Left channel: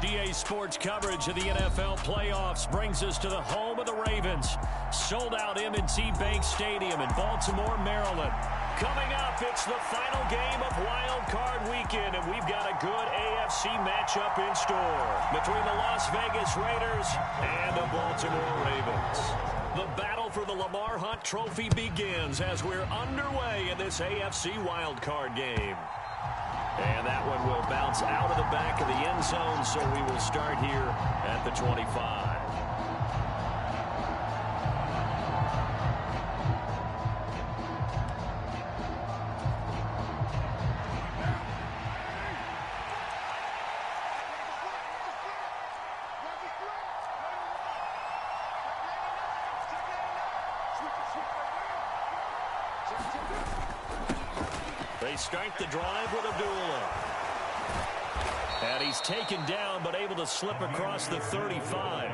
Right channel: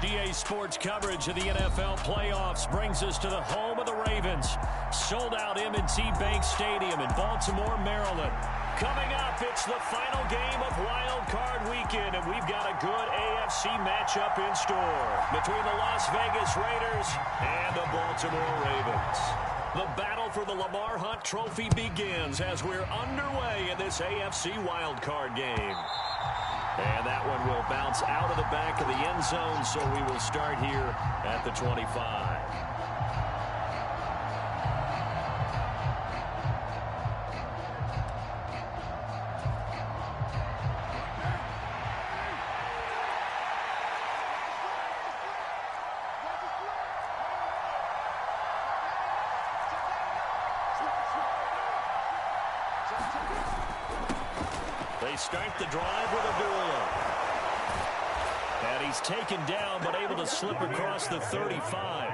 DA Sports coverage of the NFL playoffs brings us to the home of the Ravens. Sold out M&T Bank Stadium in Baltimore, Maryland. Coming up, it's the final game of Wild Card Weekend, and we've got a good AFC matchup in store between the Las Vegas Raiders and the Baltimore Ravens. The battle for the Lamar Hunt Trophy begins as we're underway in this AFC Wild Card game. And that one will bounce out of the back of the end zone, so we will start here at the 25. They start the drive with Abdullah. And he's taken down but able to slip across the 35.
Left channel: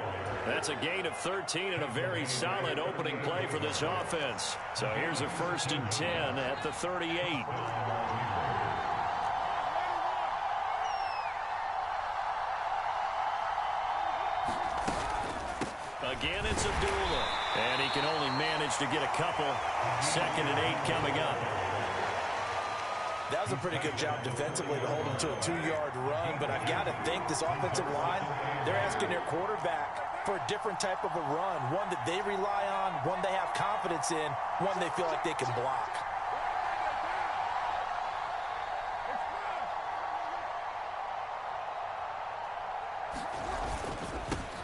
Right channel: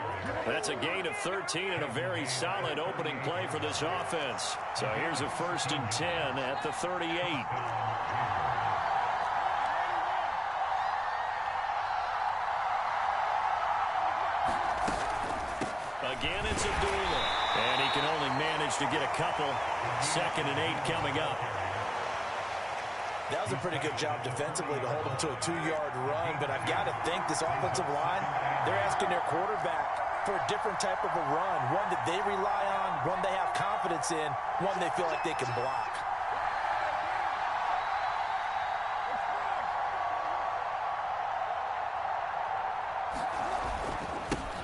That's a gain of 13 and a very solid opening play for this offense. So here's a 1st and 10 at the 38. Again, it's Abdullah. And he can only manage to get a couple. 2nd and 8 coming up. That was a pretty good job defensively to hold him to a 2-yard run, but I've got to think this offensive line, they're asking their quarterback for a different type of a run, one that they rely on, one they have confidence in, one they feel like they can block.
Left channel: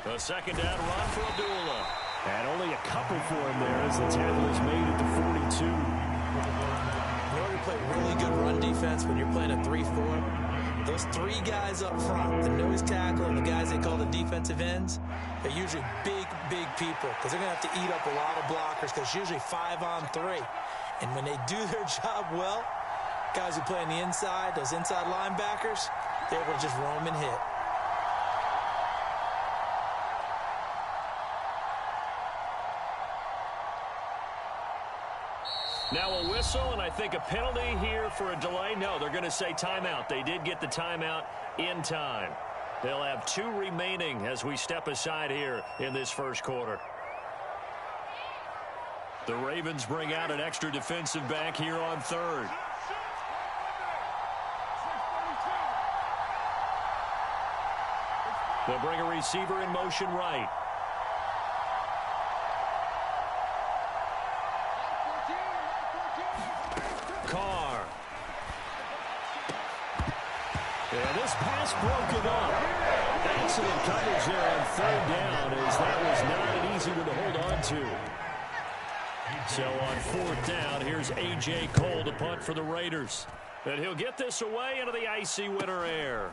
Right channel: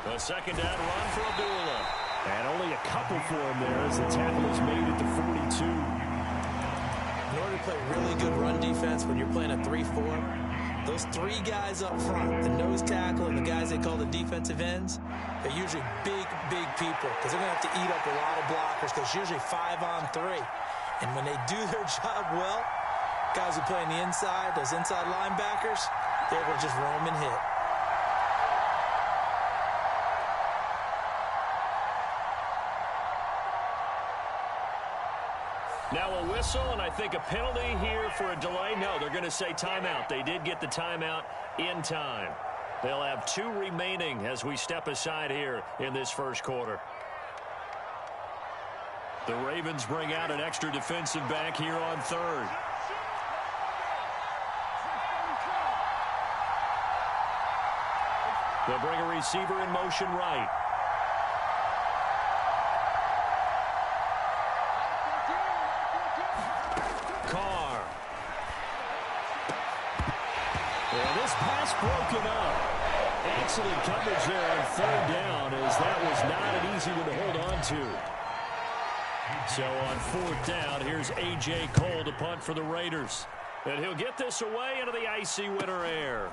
A 2nd down run for Abdullah. And only a couple for him there as the tackle is made at the 42. In order to play really good run defense when you're playing a 3-4, those 3 guys up front, the nose tackle and the guys they call the defensive ends, they're usually big people because they're going to have to eat up a lot of blockers because it's usually 5-on-3. And when they do their job well, guys who play on the inside, those inside linebackers, they're able to just roam and hit. Now a whistle, and I think a penalty here for a delay. No, they're going to say timeout. They did get the timeout in time. They'll have 2 remaining as we step aside here in this first quarter. The Ravens bring out an extra defensive back here on 3rd. They'll bring a receiver in motion right. Carr. And this pass broken up. Excellent coverage there on 3rd down, as that was not an easy one to hold on to. So on 4th down, here's A.J. Cole to punt for the Raiders. And he'll get this away into the icy winter air.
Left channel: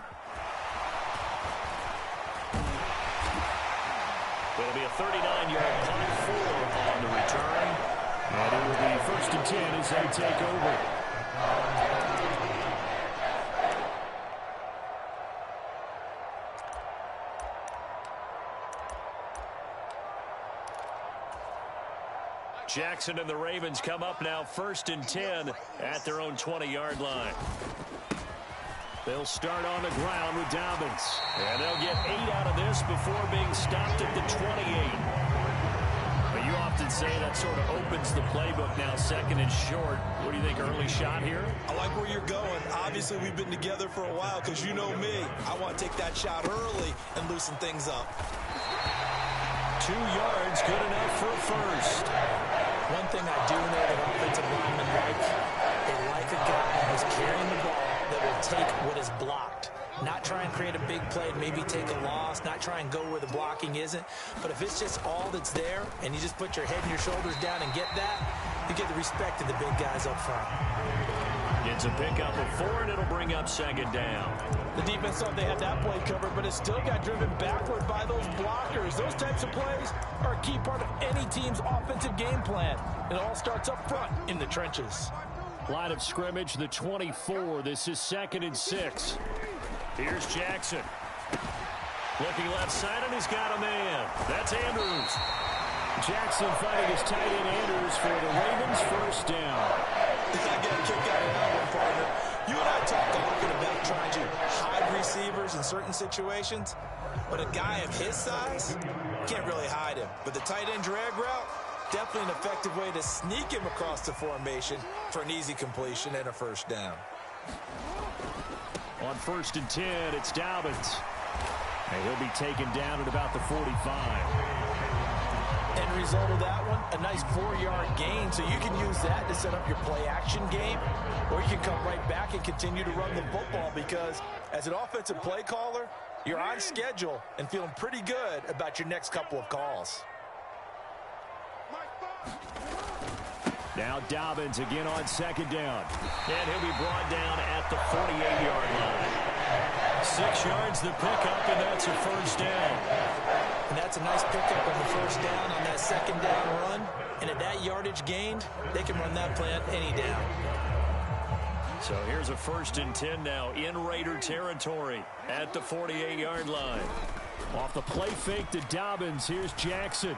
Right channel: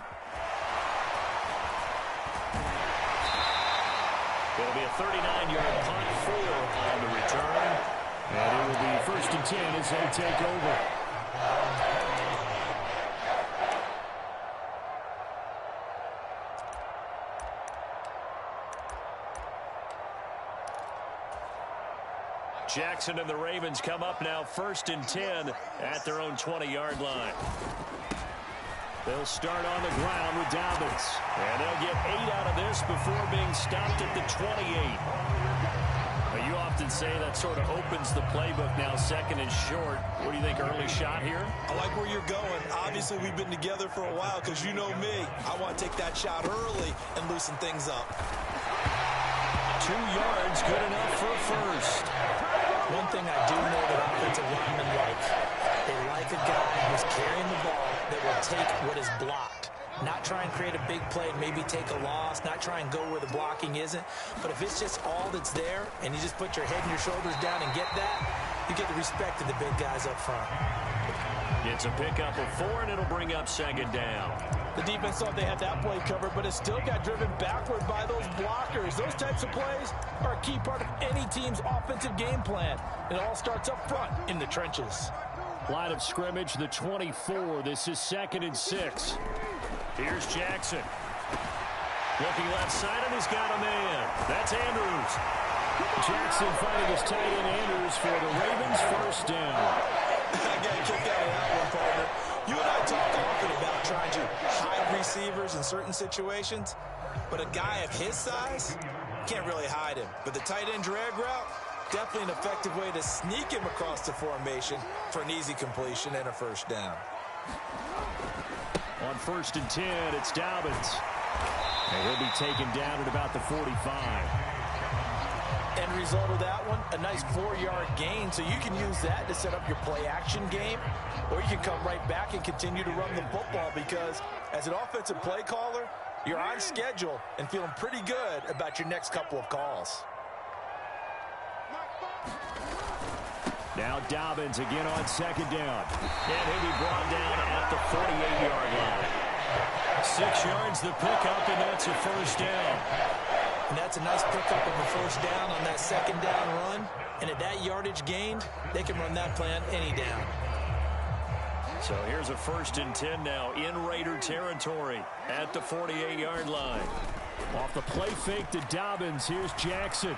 It'll be a 39-yard punt, 4 on the return. And it will be 1st and 10 as they take over. Jackson and the Ravens come up now 1st and 10 at their own 20-yard line. They'll start on the ground with Dobbins. And they'll get 8 out of this before being stopped at the 28. You often say that sort of opens the playbook now, 2nd and short. What do you think, early shot here? I like where you're going. Obviously, we've been together for a while because you know me. I want to take that shot early and loosen things up. 2 yards, good enough for a 1st. One thing I do know that offensive linemen like, they like a guy who's carrying the ball that will take what is blocked. Not try and create a big play and maybe take a loss, not try and go where the blocking isn't. But if it's just all that's there and you just put your head and your shoulders down and get that, you get the respect of the big guys up front. Gets a pickup of 4, and it'll bring up 2nd down. The defense thought they had that play covered, but it still got driven backward by those blockers. Those types of plays are a key part of any team's offensive game plan. It all starts up front in the trenches. Line of scrimmage, the 24. This is 2nd and 6. Here's Jackson. Looking left side, and he's got a man. That's Andrews. Jackson finding his tight end Andrews for the Ravens' 1st down. I got a kick out of that one, partner. You and I talk often about trying to hide receivers in certain situations. But a guy of his size can't really hide him. But the tight end drag route, definitely an effective way to sneak him across the formation for an easy completion and a first down. On 1st and 10, it's Dobbins. And he'll be taken down at about the 45. End result of that one, a nice 4-yard gain, so you can use that to set up your play-action game, or you can come right back and continue to run the football because as an offensive play caller, you're on schedule and feeling pretty good about your next couple of calls. Now Dobbins again on 2nd down. And he'll be brought down at the 48-yard line. 6 yards the pickup, and that's a first down. And that's a nice pickup of a first down on that 2nd down run. And at that yardage gained, they can run that play on any down. So here's a 1st and 10 now in Raider territory at the 48-yard line. Off the play fake to Dobbins, here's Jackson.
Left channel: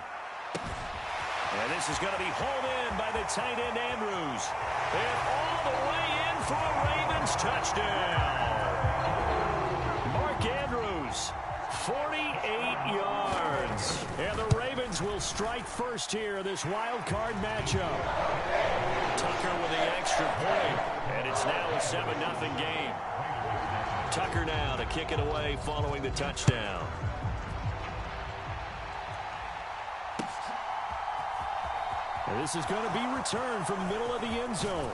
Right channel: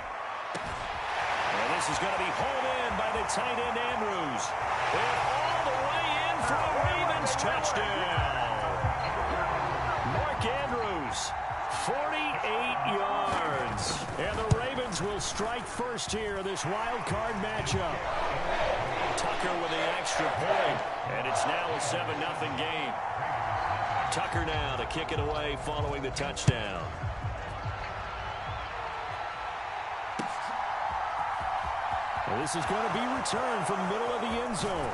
And this is going to be hauled in by the tight end Andrews. And all the way in for a Ravens touchdown. Mark Andrews, 48 yards. And the Ravens will strike first here, this wild card matchup. Tucker with the extra point. And it's now a 7-0 game. Tucker now to kick it away following the touchdown. And this is going to be returned from the middle of the end zone.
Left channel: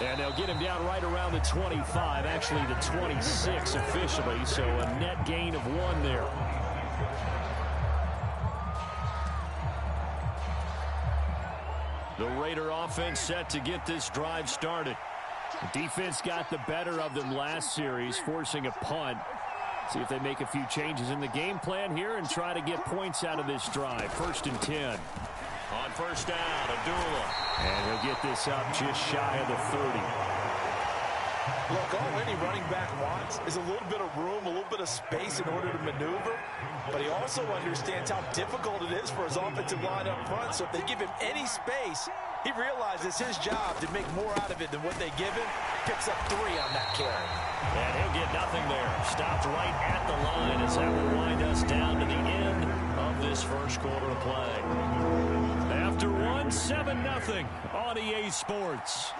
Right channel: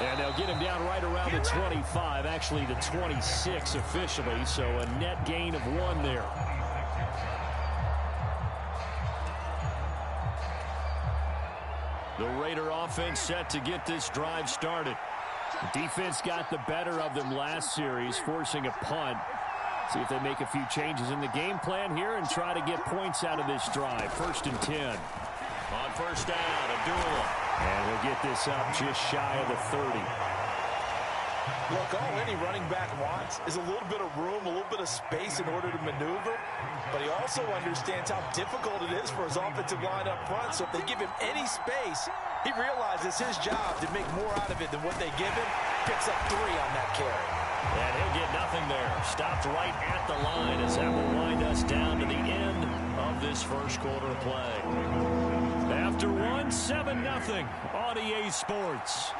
And they'll get him down right around the 25, actually the 26 officially, so a net gain of 1 there. The Raider offense set to get this drive started. The defense got the better of them last series, forcing a punt. See if they make a few changes in the game plan here and try to get points out of this drive. 1st and 10. On 1st down, Abdullah. And he'll get this up just shy of the 30. Look, all any running back wants is a little bit of room, a little bit of space in order to maneuver. But he also understands how difficult it is for his offensive line up front. So if they give him any space, he realizes his job to make more out of it than what they give him. Picks up 3 on that carry. And he'll get nothing there. Stopped right at the line as that will wind us down to the end of this first quarter of play. After 1, 7-0 on EA Sports.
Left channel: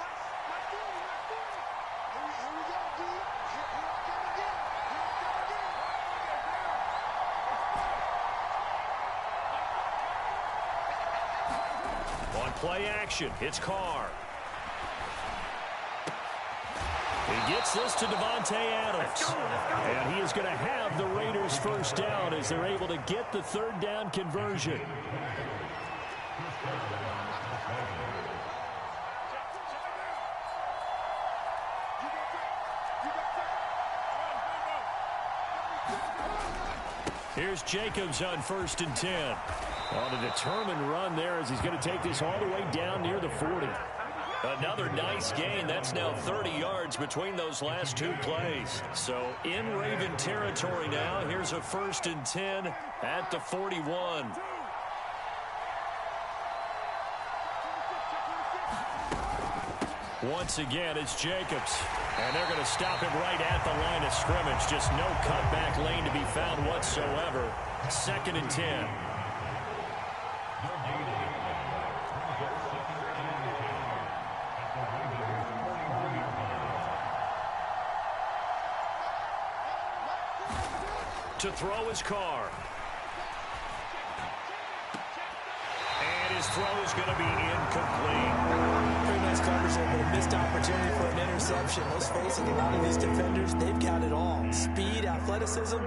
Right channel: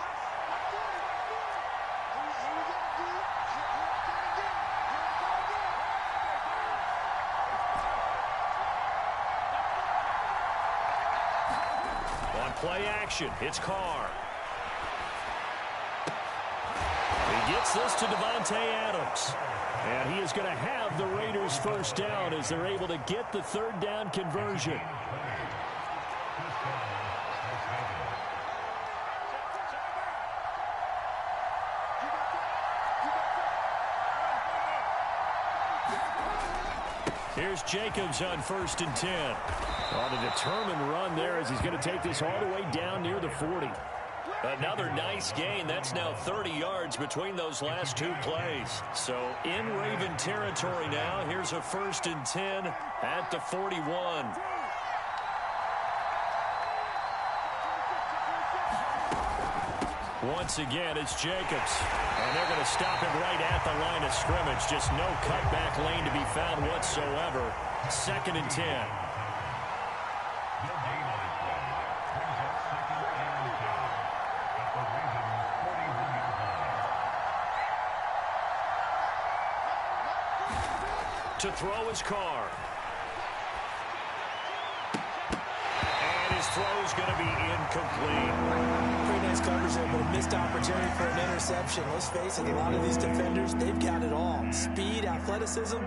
On play action, it's Carr. He gets this to Devontae Adams. And he is going to have the Raiders first down as they're able to get the 3rd down conversion. Here's Jacobs on 1st and 10. On a determined run there as he's going to take this all the way down near the 40. Another nice gain. That's now 30 yards between those last 2 plays. So in Raven territory now. Here's a 1st and 10 at the 41. Once again, it's Jacobs. And they're going to stop him right at the line of scrimmage. Just no cutback lane to be found whatsoever. 2nd and 10. To throw his Carr. And his throw is going to be incomplete. Pretty nice coverage there, but a missed opportunity for an interception. Let's face it, a lot of these defenders, they've got it all. Speed, athleticism,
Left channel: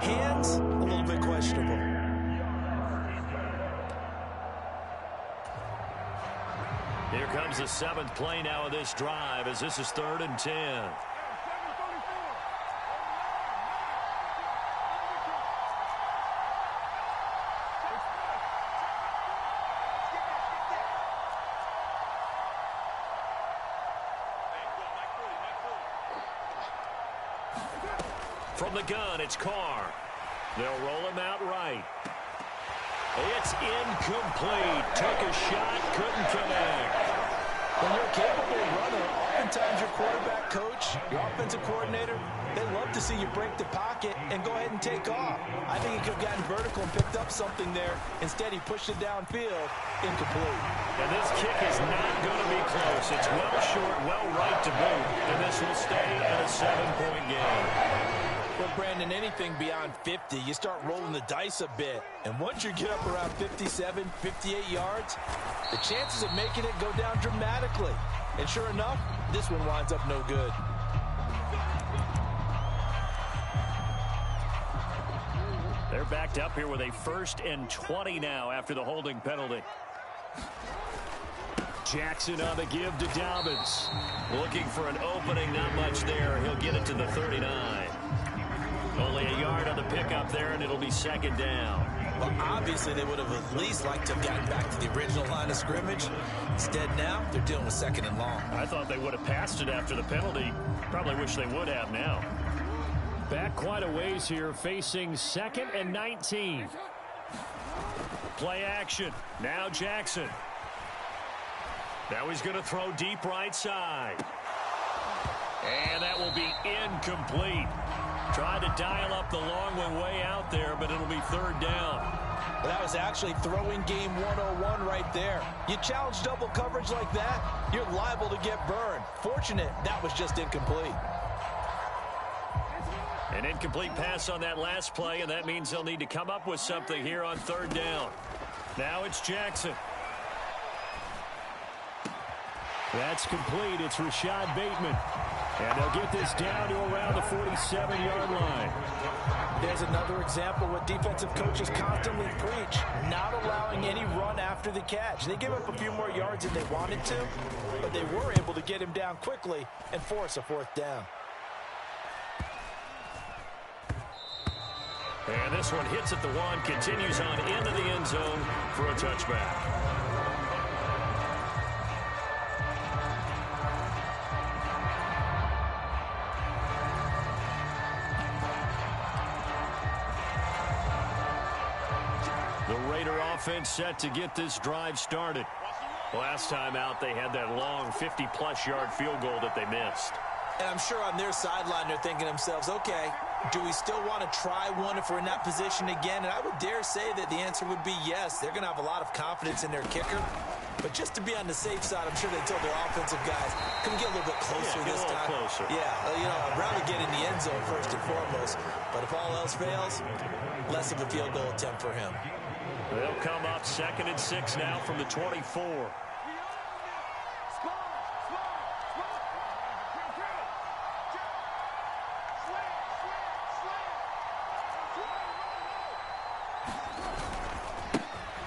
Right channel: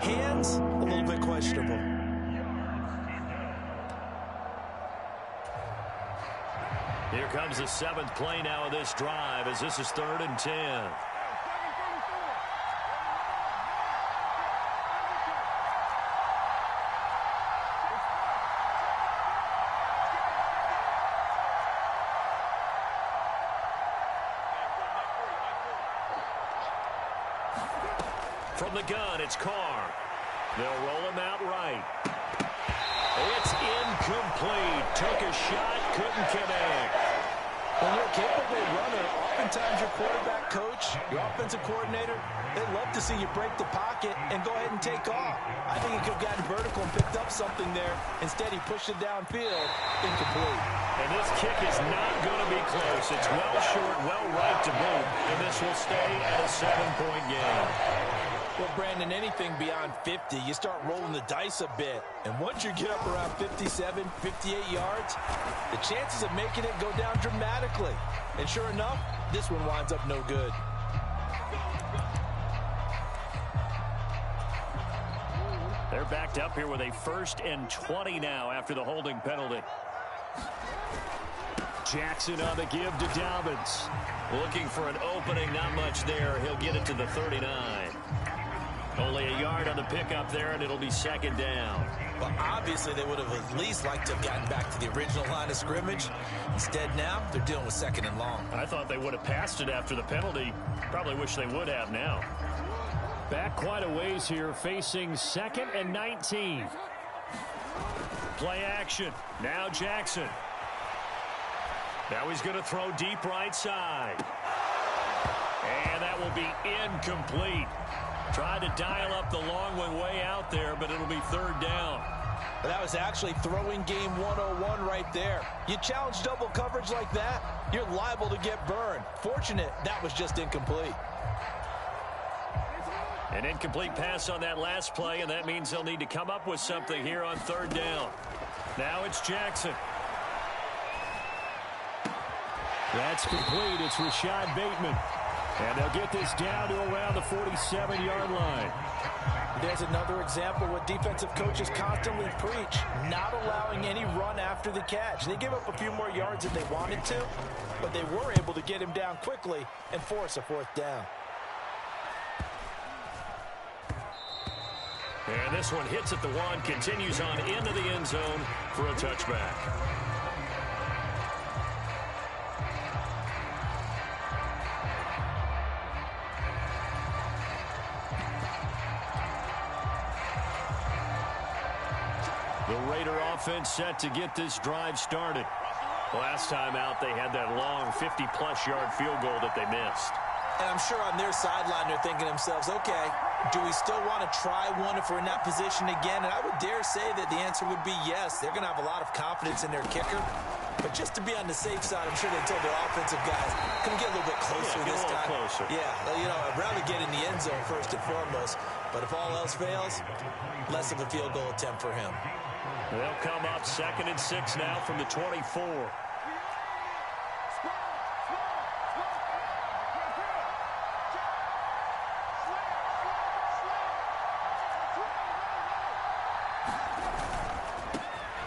hands, a little bit questionable. Here comes the 7th play now of this drive as this is 3rd and 10. From the gun, it's Carr. They'll roll him out right. It's incomplete. Took a shot, couldn't connect. When you're a capable runner, oftentimes your quarterback coach, your offensive coordinator, they love to see you break the pocket and go ahead and take off. I think he could have gotten vertical and picked up something there. Instead, he pushed it downfield, incomplete. And this kick is not going to be close. It's well short, well right to boot, and this will stay at a 7-point game. Well, Brandon, anything beyond 50, you start rolling the dice a bit. And once you get up around 57, 58 yards, the chances of making it go down dramatically. And sure enough, this one winds up no good. They're backed up here with a 1st and 20 now after the holding penalty. Jackson on the give to Dobbins. Looking for an opening, not much there. He'll get it to the 39. Only a yard on the pickup there, and it'll be 2nd down. Well, obviously, they would have at least liked to have gotten back to the original line of scrimmage. Instead, now, they're dealing with 2nd and long. I thought they would have passed it after the penalty. Probably wish they would have now. Back quite a ways here, facing 2nd and 19. Play action. Now Jackson. Now he's going to throw deep right side. And that will be incomplete. Tried to dial up the long one way out there, but it'll be 3rd down. Well, that was actually throwing game 101 right there. You challenge double coverage like that, you're liable to get burned. Fortunate, that was just incomplete. An incomplete pass on that last play, and that means they'll need to come up with something here on 3rd down. Now it's Jackson. That's complete. It's Rashad Bateman. And they'll get this down to around the 47-yard line. There's another example what defensive coaches constantly preach, not allowing any run after the catch. They gave up a few more yards than they wanted to, but they were able to get him down quickly and force a 4th down. And this one hits at the 1, continues on into the end zone for a touchback. The Raider offense set to get this drive started. Last time out, they had that long 50-plus yard field goal that they missed. And I'm sure on their sideline, they're thinking to themselves, okay, do we still want to try one if we're in that position again? And I would dare say that the answer would be yes. They're going to have a lot of confidence in their kicker. But just to be on the safe side, I'm sure they told their offensive guys, can we get a little bit closer this time? Closer. Yeah, you know, I'd rather get in the end zone first and foremost. But if all else fails, less of a field goal attempt for him. They'll come up 2nd and 6 now from the 24.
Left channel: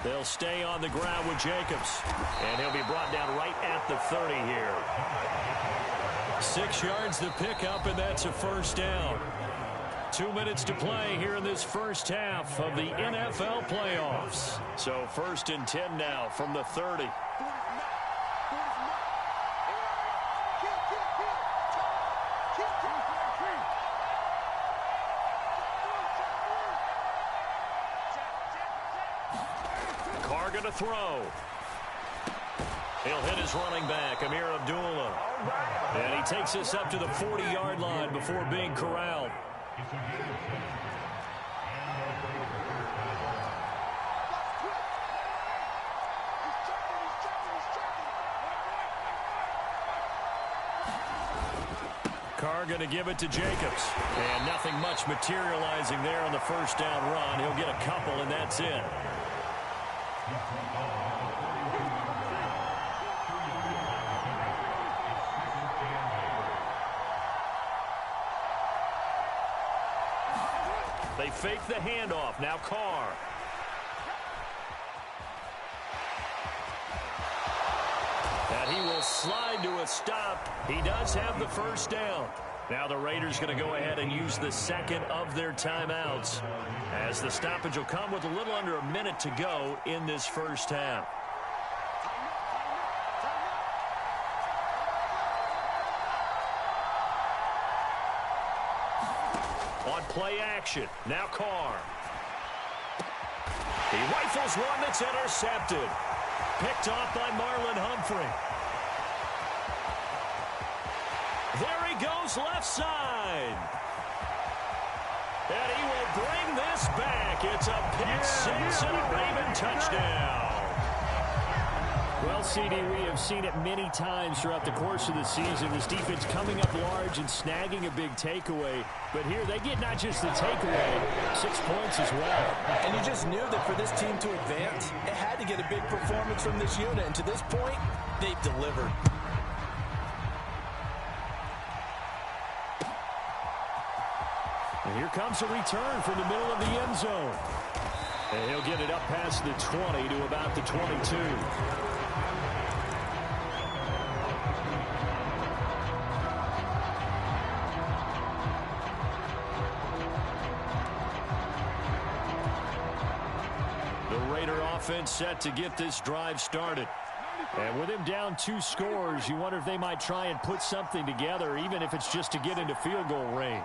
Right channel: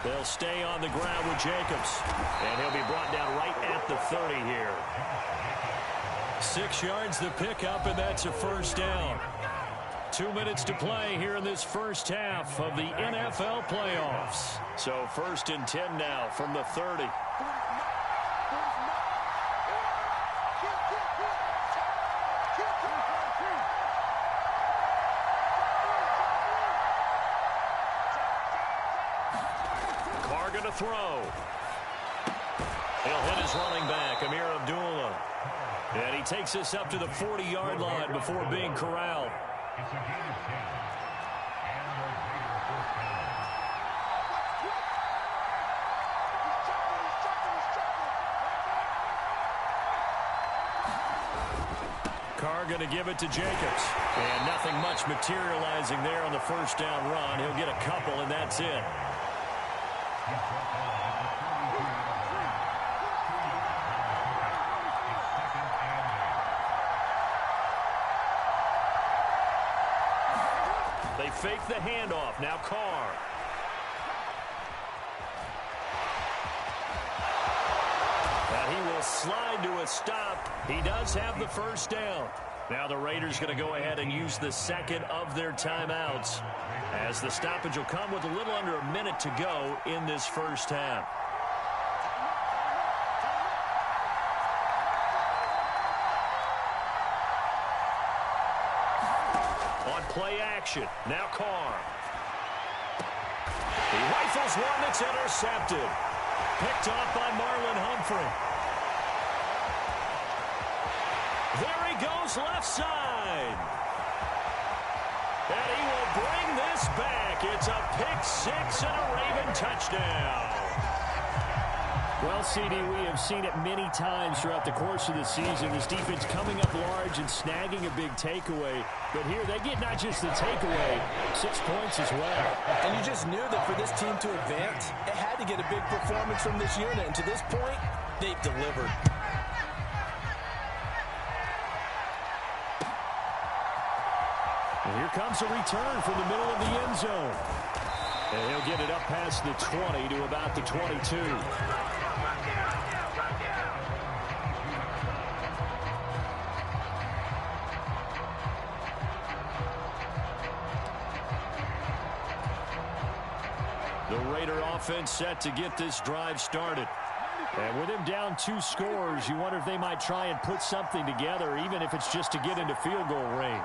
They'll stay on the ground with Jacobs. And he'll be brought down right at the 30 here. 6 yards the pickup, and that's a 1st down. 2 minutes to play here in this first half of the NFL playoffs. So 1st and 10 now from the 30. Carr going to throw. He'll hit his running back, Amir Abdullah. And he takes this up to the 40-yard line before being corralled. Carr going to give it to Jacobs. And nothing much materializing there on the 1st down run. He'll get a couple, and that's it. They fake the handoff. Now Carr. And he will slide to a stop. He does have the 1st down. Now the Raiders going to go ahead and use the 2nd of their timeouts, as the stoppage will come with a little under a minute to go in this first half. On play action, now Carr. He rifles one that's intercepted. Picked off by Marlon Humphrey. There he goes left side. And he will bring this back. It's a pick six and a Raven touchdown. Well, CD, we have seen it many times throughout the course of the season. This defense coming up large and snagging a big takeaway. But here they get not just the takeaway, 6 points as well. And you just knew that for this team to advance, it had to get a big performance from this unit. And to this point, they've delivered. And here comes a return from the middle of the end zone. And he'll get it up past the 20 to about the 22. The Raider offense set to get this drive started. And with him down 2 scores, you wonder if they might try and put something together, even if it's just to get into field goal range.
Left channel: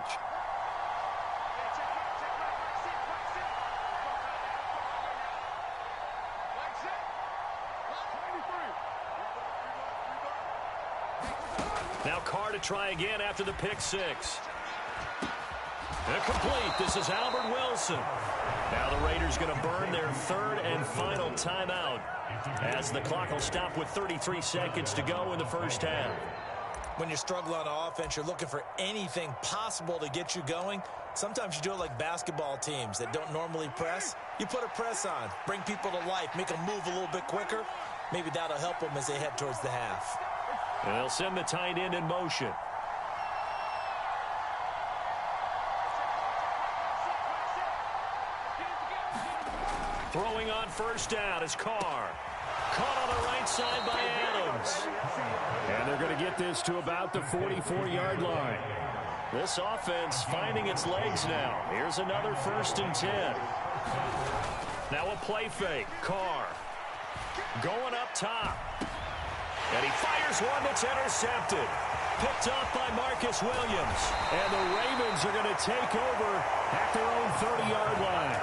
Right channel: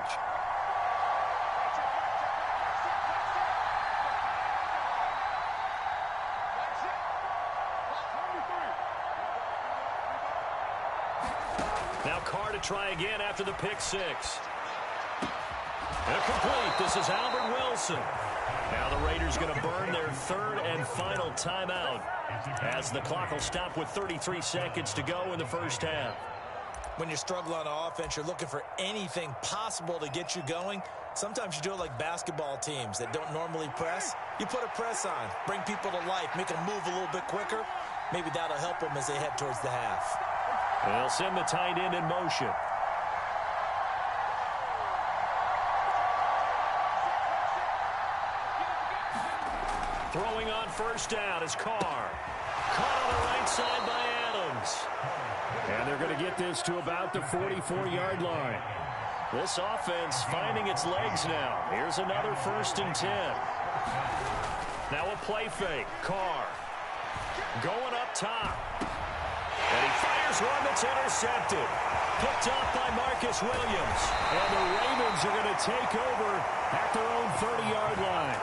Now Carr to try again after the pick six. Incomplete. This is Albert Wilson. Now the Raiders going to burn their third and final timeout as the clock will stop with 33 seconds to go in the first half. When you struggle on offense, you're looking for anything possible to get you going. Sometimes you do it like basketball teams that don't normally press. You put a press on, bring people to life, make them move a little bit quicker. Maybe that'll help them as they head towards the half. They'll send the tight end in motion. Throwing on first down is Carr. Caught on the right side by Adams. And they're going to get this to about the 44-yard line. This offense finding its legs now. Here's another 1st and 10. Now a play fake. Carr going up top. And he fires one that's intercepted. Picked off by Marcus Williams. And the Ravens are going to take over at their own 30-yard line.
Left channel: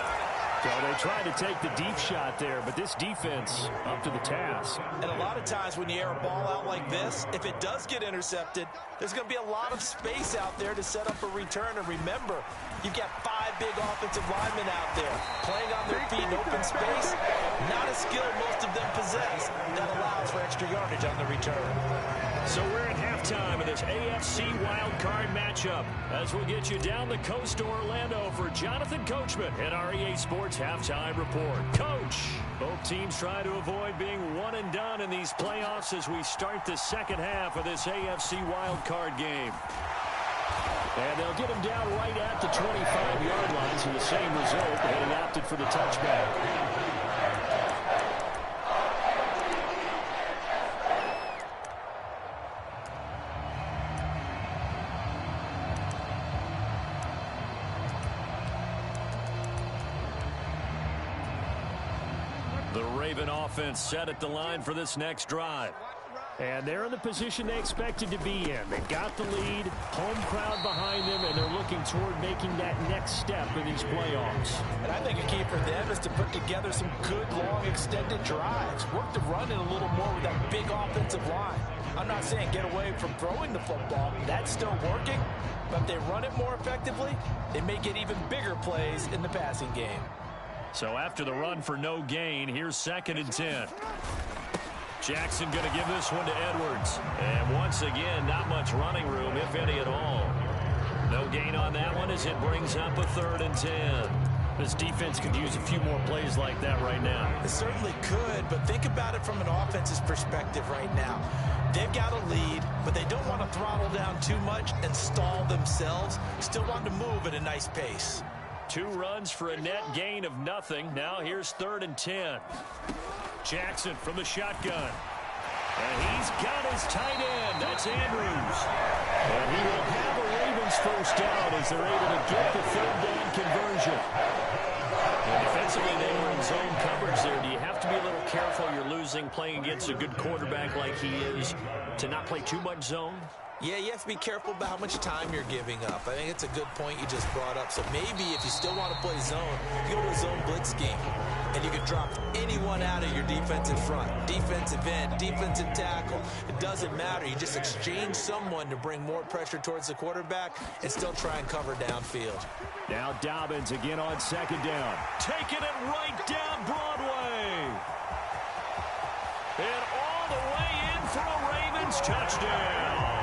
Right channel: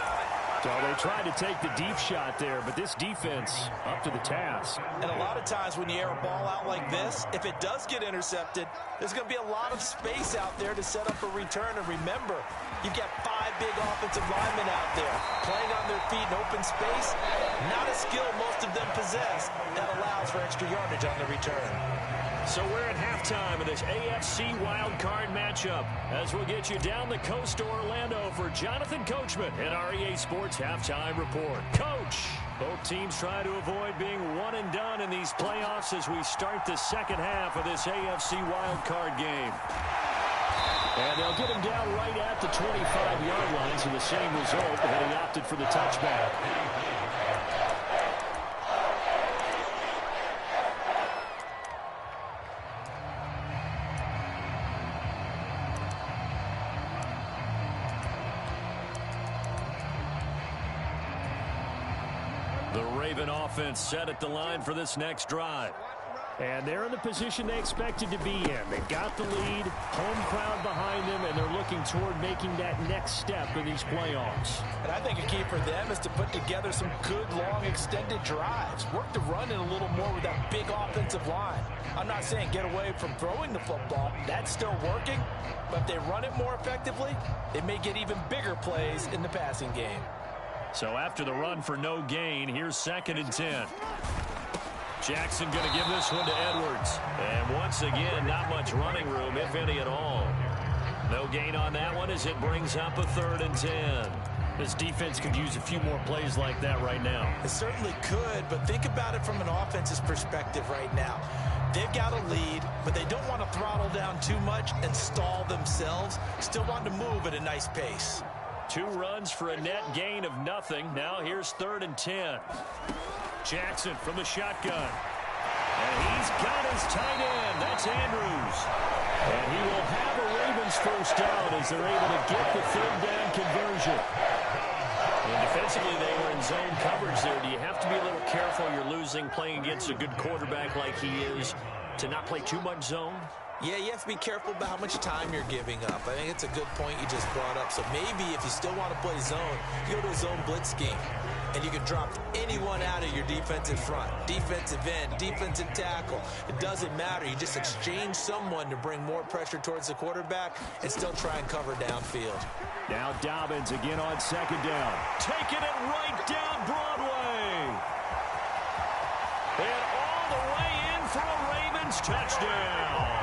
So they tried to take the deep shot there, but this defense up to the task. And a lot of times when you air a ball out like this, if it does get intercepted, there's going to be a lot of space out there to set up a return. And remember, you've got 5 big offensive linemen out there playing on their feet in open space. Not a skill most of them possess that allows for extra yardage on the return. So we're at halftime of this AFC wildcard matchup as we'll get you down the coast to Orlando for Jonathan Coachman at our EA Sports Halftime Report. Coach, both teams try to avoid being one and done in these playoffs as we start the second half of this AFC wildcard game. And they'll get him down right at the 25-yard line, so the same result, but he opted for the touchback. The Raven offense set at the line for this next drive. And they're in the position they expected to be in. They've got the lead, home crowd behind them, and they're looking toward making that next step in these playoffs. And I think a key for them is to put together some good, long, extended drives. Work the run in a little more with that big offensive line. I'm not saying get away from throwing the football. That's still working. But if they run it more effectively, they may get even bigger plays in the passing game. So after the run for no gain, here's 2nd and 10. Jackson going to give this one to Edwards. And once again, not much running room, if any at all. No gain on that one as it brings up a 3rd and 10. This defense could use a few more plays like that right now. It certainly could, but think about it from an offense's perspective right now. They've got a lead, but they don't want to throttle down too much and stall themselves. Still want to move at a nice pace. 2 runs for a net gain of nothing. Now here's 3rd and 10. Jackson from the shotgun. And he's got his tight end. That's Andrews. And he will have a Ravens first down as they're able to get the 3rd down conversion. And defensively, they were in zone coverage there. Do you have to be a little careful? You're losing playing against a good quarterback like he is to not play too much zone? Yeah, you have to be careful about how much time you're giving up. I think it's a good point you just brought up. So maybe if you still want to play zone, you go to a zone blitz scheme. and you can drop anyone out of your defensive front. Defensive end, defensive tackle. It doesn't matter. You just exchange someone to bring more pressure towards the quarterback and still try and cover downfield. Now Dobbins again on second down. Taking it right down Broadway. And all the way in for a Ravens touchdown.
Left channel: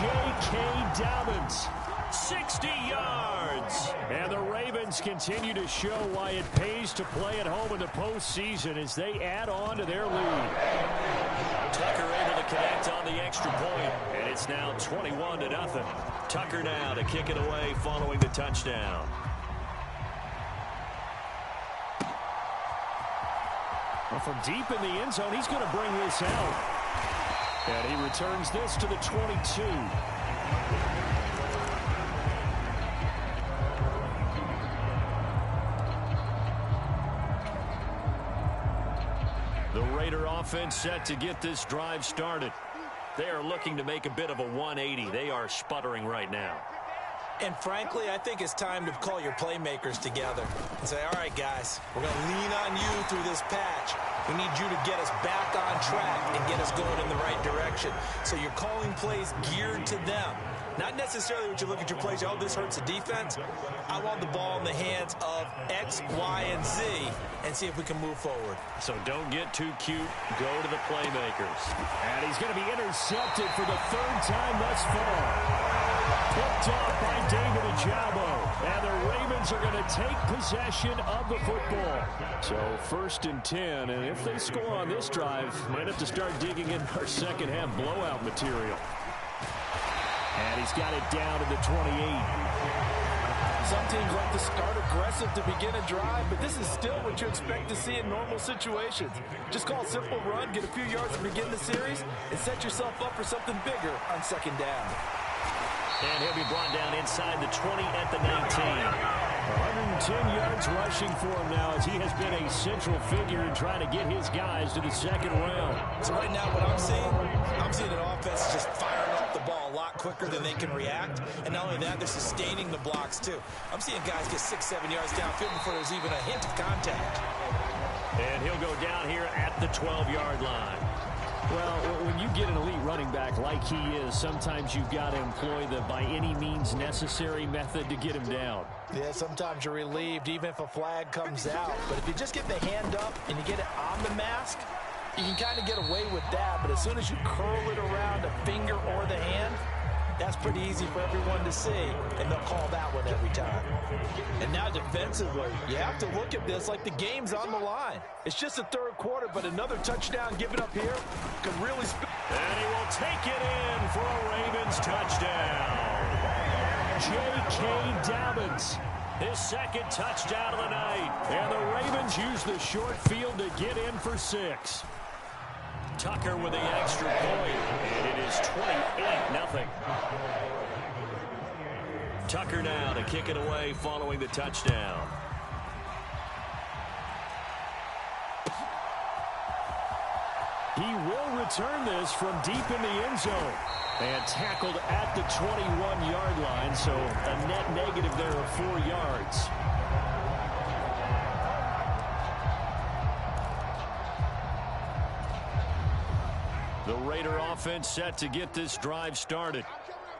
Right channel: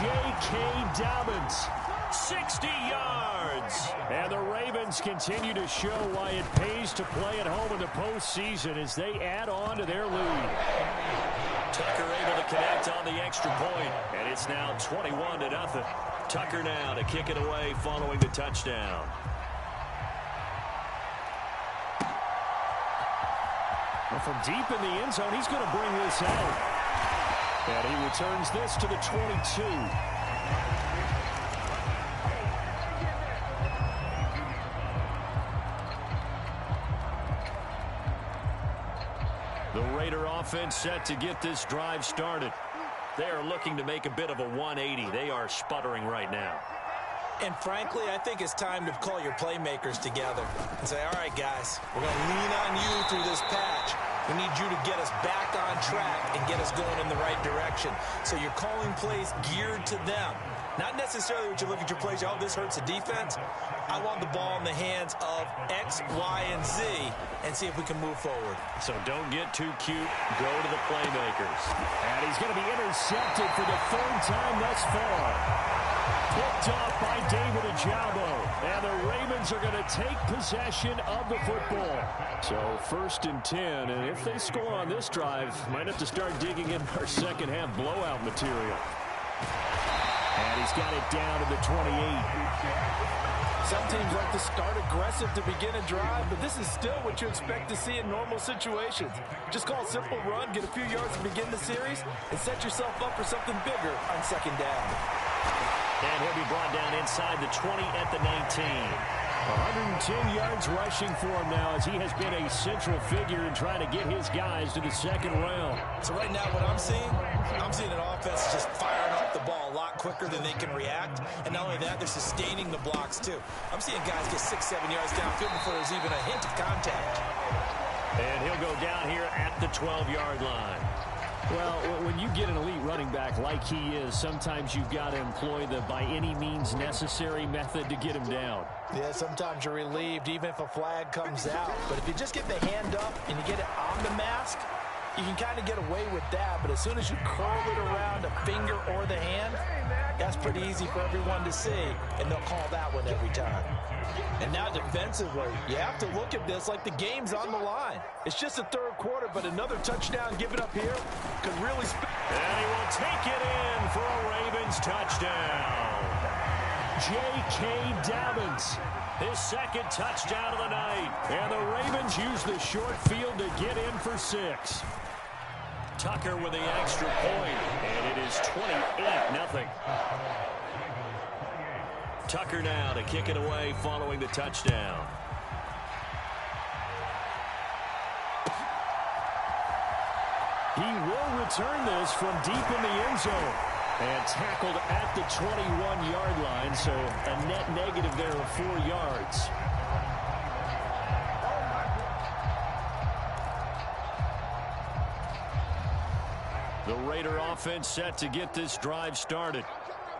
J.K. Dobbins, 60 yards. And the Ravens continue to show why it pays to play at home in the postseason as they add on to their lead. Tucker able to connect on the extra point, and it's now 21-0. Tucker now to kick it away following the touchdown. Well, from deep in the end zone, he's going to bring this out. And he returns this to the 22. The Raider offense set to get this drive started. They are looking to make a bit of a 180. They are sputtering right now. And frankly, I think it's time to call your playmakers together and say, all right, guys, we're going to lean on you through this patch. We need you to get us back on track and get us going in the right direction. So you're calling plays geared to them. Not necessarily what you look at your plays, oh, this hurts the defense. I want the ball in the hands of X, Y, and Z and see if we can move forward. So don't get too cute. Go to the playmakers. And he's going to be intercepted for the third time thus far. Picked off by David Ojabo. And the Ravens are going to take possession of the football. So 1st and 10. And if they score on this drive, might have to start digging in our second half blowout material. And he's got it down to the 28. Some teams like to start aggressive to begin a drive, but this is still what you expect to see in normal situations. Just call a simple run, get a few yards to begin the series, and set yourself up for something bigger on second down. And he'll be brought down inside the 20 at the 19. 110 yards rushing for him now as he has been a central figure in trying to get his guys to the second round. So right now what I'm seeing an offense just firing off the ball a lot quicker than they can react. And not only that, they're sustaining the blocks too. I'm seeing guys get 6-7 yards downfield before there's even a hint of contact. And he'll go down here at the 12-yard line. Well, when you get an elite running back like he is, sometimes you've got to employ the by any means necessary method to get him down. Yeah, sometimes you're relieved even if a flag comes out. But if you just get the hand up and you get it on the mask, you can kind of get away with that. But as soon as you curl it around a finger or the hand, that's pretty easy for everyone to see, and they'll call that one every time. And now defensively, you have to look at this like the game's on the line. It's just the third quarter, but another touchdown given up here could really... And he will take it in for a Ravens touchdown. J.K. Dobbins, his second touchdown of the night. And the Ravens use the short field to get in for 6. Tucker with the extra point, and it is 28-0. Tucker now to kick it away following the touchdown. He will return this from deep in the end zone. And tackled at the 21-yard line, so a net negative there of 4 yards. The Raider offense set to get this drive started.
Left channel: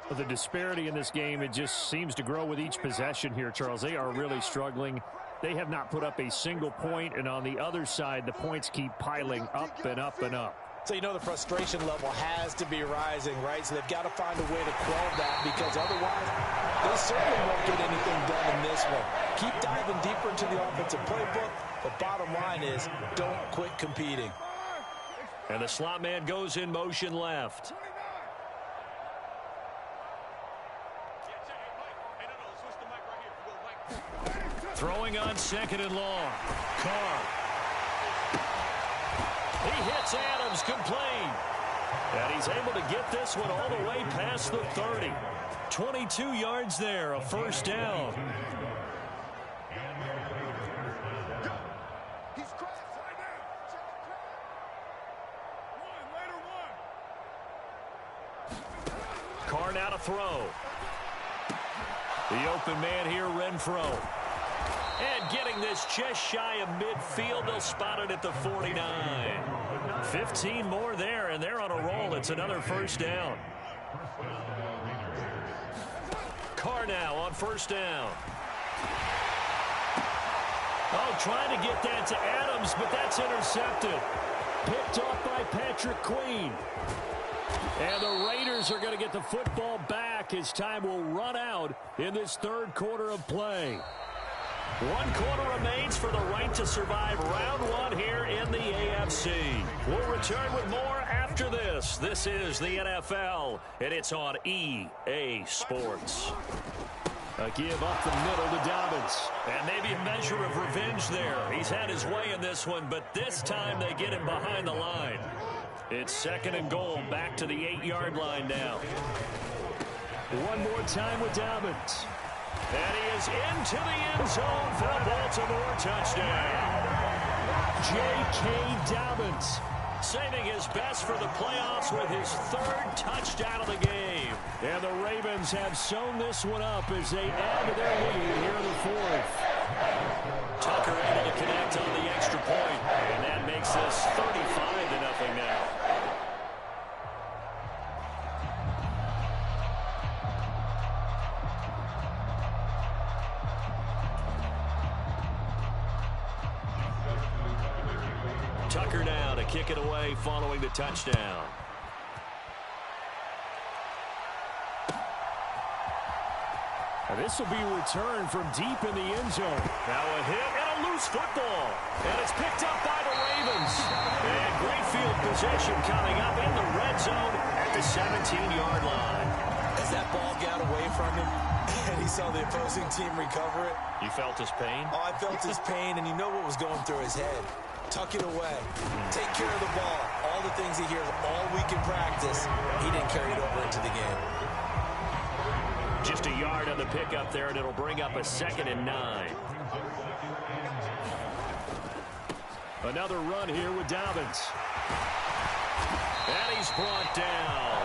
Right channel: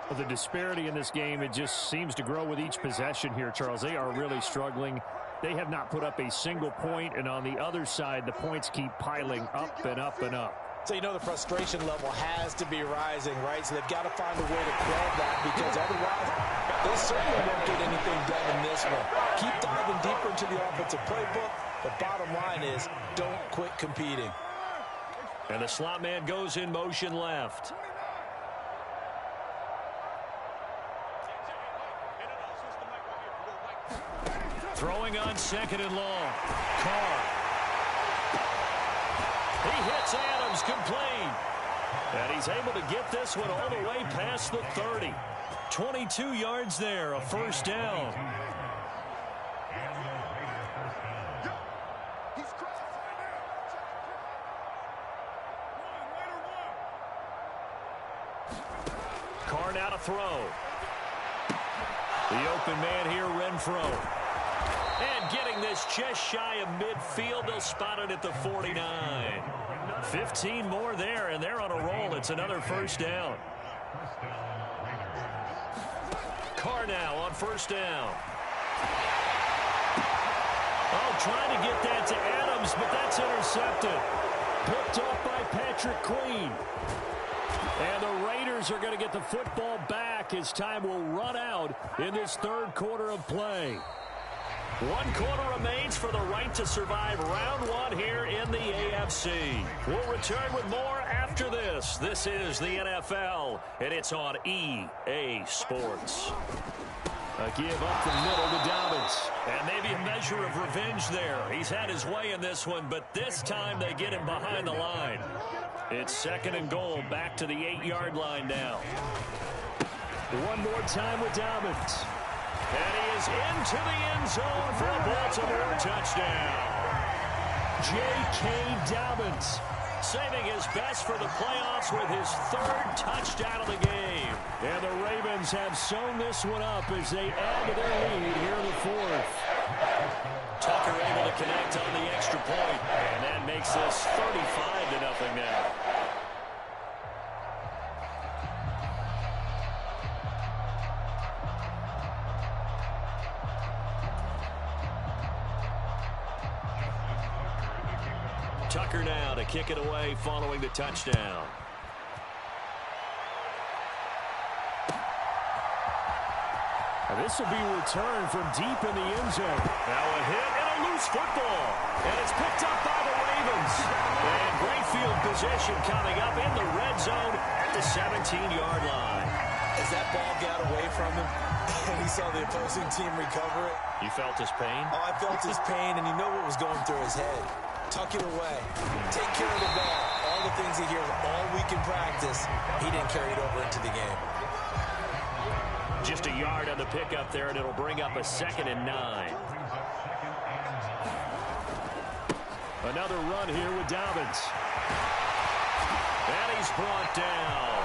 Well, the disparity in this game, it just seems to grow with each possession here, Charles. They are really struggling. They have not put up a single point, and on the other side, the points keep piling up and up and up. So you know the frustration level has to be rising, right? So they've got to find a way to quell that, because otherwise they certainly won't get anything done in this one. Keep diving deeper into the offensive playbook. The bottom line is don't quit competing. And the slot man goes in motion left. Throwing on second and long. Carr. He hits Adams complete. And he's able to get this one all the way past the 30. 22 yards there, a first down. Carr now to throw. The open man here, Renfro. And getting this just shy of midfield, they'll spot it at the 49. 15 more there, and they're on a roll. It's another first down. Carr now on first down. Oh, trying to get that to Adams, but that's intercepted. Picked off by Patrick Queen. And the Raiders are going to get the football back as time will run out in this third quarter of play. 1 quarter remains for the right to survive round 1 here in the AFC. We'll return with more after this. This is the NFL, and it's on EA Sports. A give up the middle to Dobbins. And maybe a measure of revenge there. He's had his way in this one, but this time they get him behind the line. It's 2nd and goal, back to the 8-yard line now. One more time with Dobbins. And he is into the end zone for a Baltimore touchdown. J.K. Dobbins saving his best for the playoffs with his 3rd touchdown of the game. And the Ravens have sewn this one up as they add to their lead here in the 4th. Tucker able to connect on the extra point, and that makes this 35-0 now. Tucker now to kick it away following the touchdown. And this will be returned from deep in the end zone. Now a hit and a loose football. And it's picked up by the Ravens. And great field position coming up in the red zone at the 17-yard line. As that ball got away from him and he saw the opposing team recover it. You felt his pain? Oh, I felt his pain, and you know what was going through his head. Tuck it away. Take care of the ball. All the things he hears all week in practice, he didn't carry it over into the game. Just a yard on the pickup there, and it'll bring up a 2nd and 9. Another run here with Dobbins. And he's brought down.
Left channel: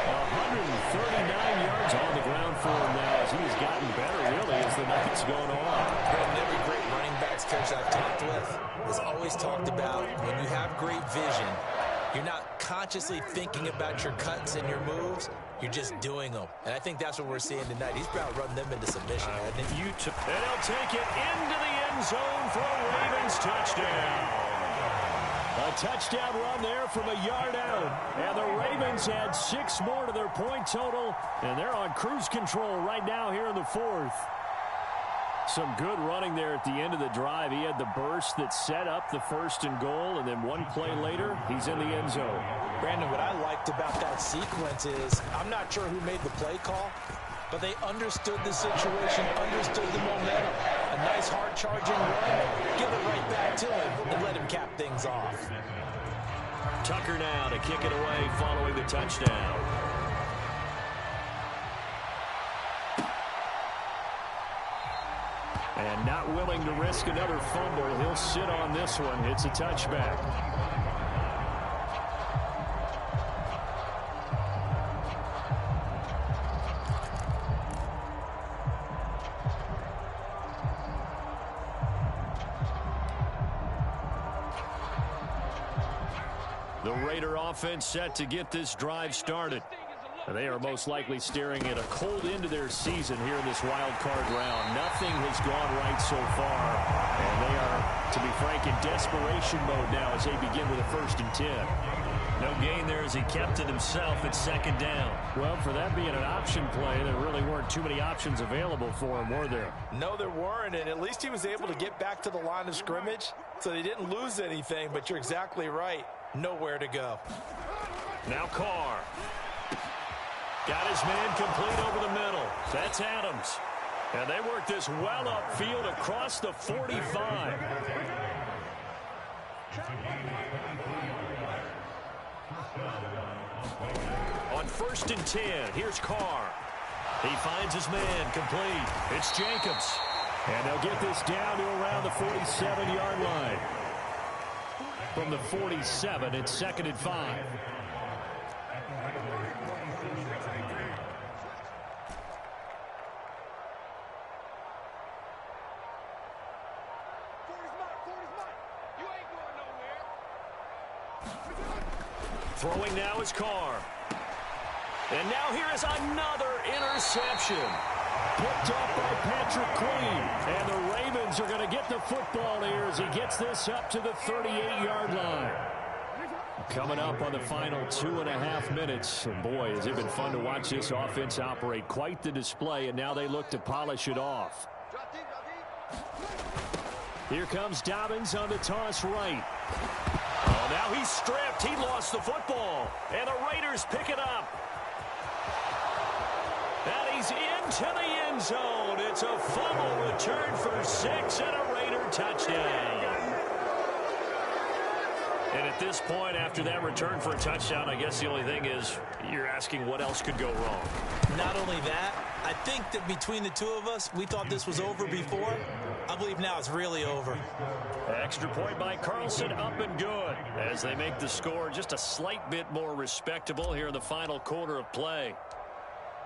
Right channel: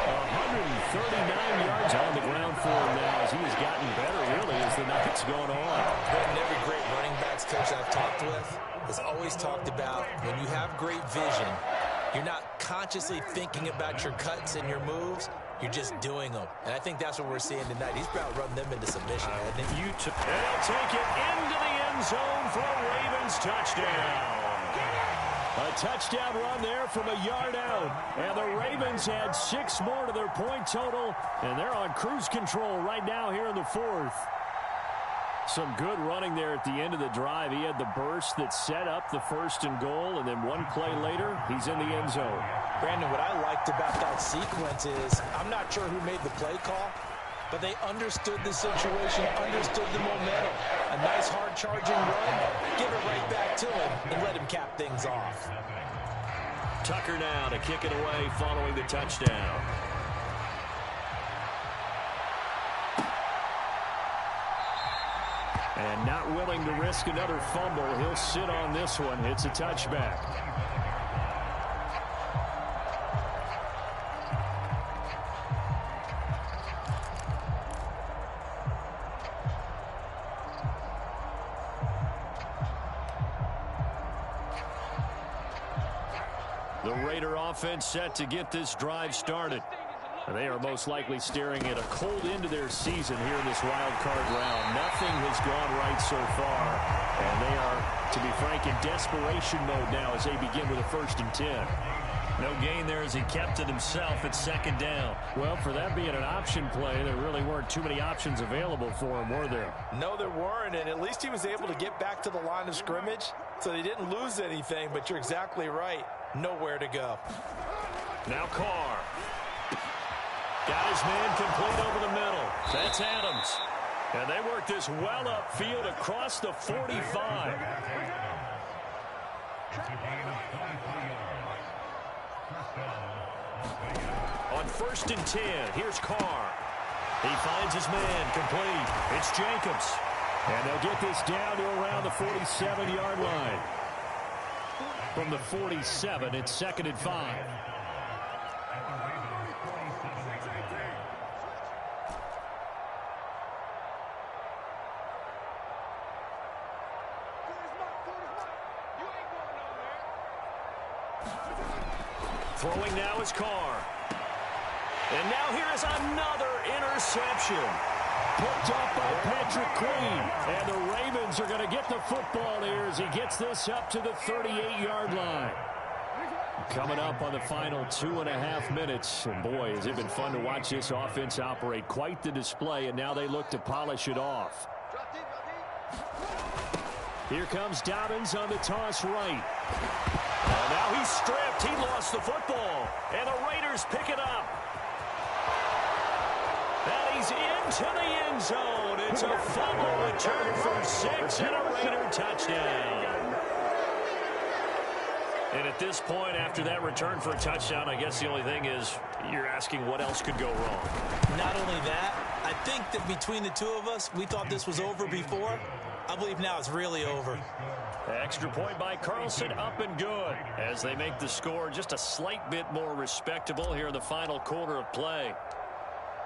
139 yards on the ground for him now as he has gotten better, really, as the night's going on. And every great running backs coach I've talked with has always talked about when you have great vision, you're not consciously thinking about your cuts and your moves. You're just doing them. And I think that's what we're seeing tonight. He's about to run them into submission. And they'll take it into the end zone for a Ravens touchdown. A touchdown run there from a yard out. And the Ravens had 6 more to their point total. And they're on cruise control right now here in the 4th. Some good running there at the end of the drive. He had the burst that set up the 1st and goal, and then one play later, he's in the end zone. Brandon, what I liked about that sequence is I'm not sure who made the play call, but they understood the situation, understood the momentum. A nice hard-charging run, give it right back to him, and let him cap things off. Tucker now to kick it away following the touchdown. And not willing to risk another fumble. He'll sit on this one. It's a touchback. The Raider offense set to get this drive started. They are most likely staring at a cold end to their season here in this wild card round. Nothing has gone right so far, and they are, to be frank, in desperation mode now as they begin with a 1st and 10. No gain there as he kept it himself at 2nd down. Well, for that being an option play, there really weren't too many options available for him, were there? No, there weren't, and at least he was able to get back to the line of scrimmage, so they didn't lose anything, but you're exactly right. Nowhere to go. Now Carr. Got his man complete over the middle. That's Adams. And they work this well upfield across the 45. On 1st and 10, here's Carr. He finds his man complete. It's Jacobs. And they'll get this down to around the 47-yard line. From the 47, it's 2nd and 5. Throwing now is Carr. And now here is another interception. Picked up by Patrick Queen. And the Ravens are going to get the football here as he gets this up to the 38-yard line. Coming up on the final 2.5 minutes. And boy, has it been fun to watch this offense operate. Quite the display, and now they look to polish it off. Here comes Dobbins on the toss right. Oh, now he's stripped. He lost the football. And the Raiders pick it up. And he's into the end zone. It's a fumble return for 6 and a Raider touchdown. And at this point, after that return for a touchdown, I guess the only thing is you're asking what else could go wrong. Not only that, I think that between the two of us, we thought this was over before. I believe now it's really over. Extra point by Carlson, up and good, as they make the score just a slight bit more respectable here in the final quarter of play.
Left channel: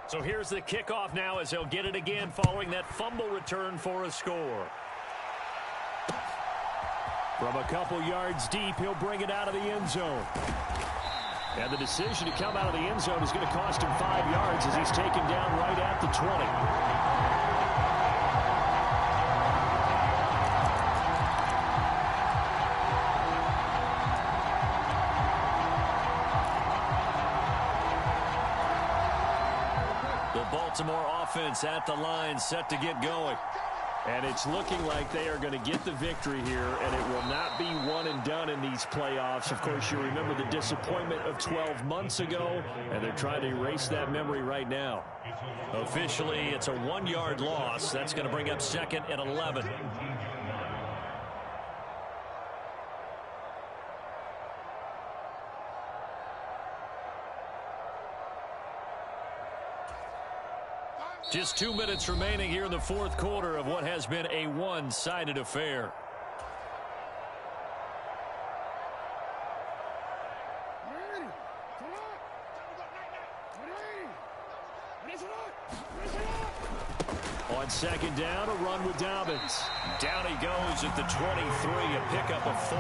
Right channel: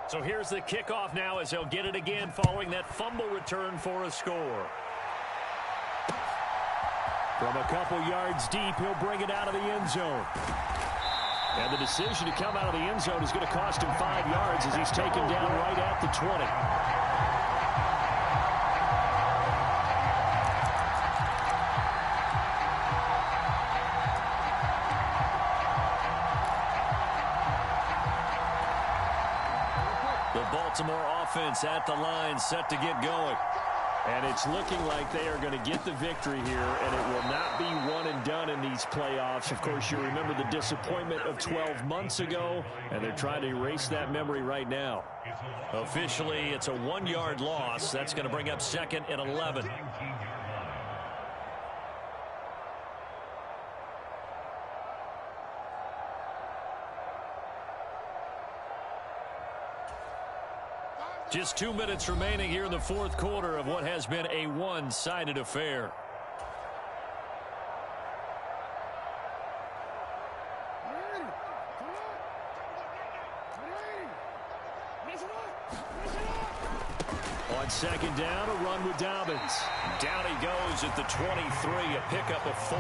So here's the kickoff now as they'll get it again following that fumble return for a score. From a couple yards deep, he'll bring it out of the end zone. And the decision to come out of the end zone is going to cost him 5 yards as he's taken down right at the 20. The Baltimore offense at the line, set to get going. And it's looking like they are going to get the victory here, and it will not be one and done in these playoffs. Of course, you remember the disappointment of 12 months ago, and they're trying to erase that memory right now. Officially, it's a 1-yard loss. That's going to bring up 2nd and 11. Just 2 minutes remaining here in the fourth quarter of what has been a one-sided affair. On second down, a run with Dobbins. Down he goes at the 23, a pickup of 4.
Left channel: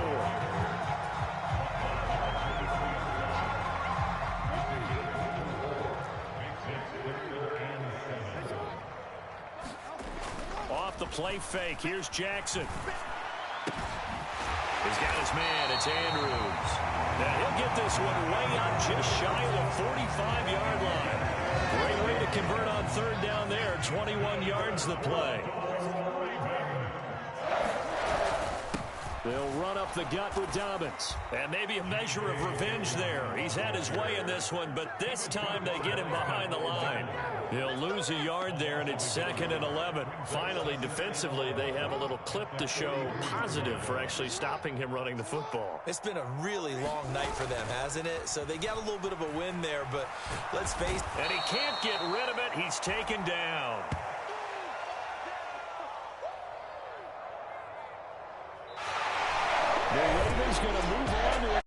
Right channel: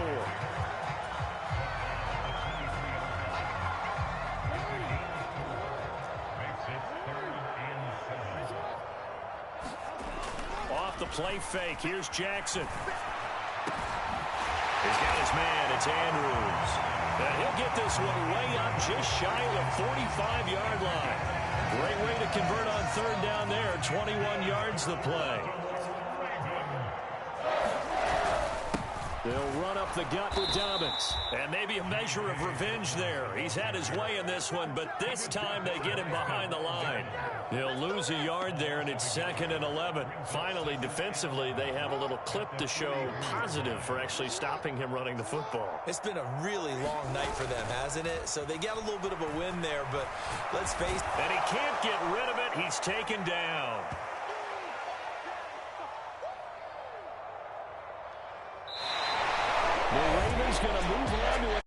Off the play fake, here's Jackson. He's got his man, it's Andrews. And he'll get this one way up just shy of the 45-yard line. Great way to convert on third down there, 21 yards the play. They'll run up the gut with Dobbins. And maybe a measure of revenge there. He's had his way in this one, but this time they get him behind the line. He'll lose a yard there, and it's 2nd and 11. Finally, defensively, they have a little clip to show positive for actually stopping him running the football. It's been a really long night for them, hasn't it? So they got a little bit of a win there, but let's face it. And he can't get rid of it. He's taken down. The Ravens going to move on to it.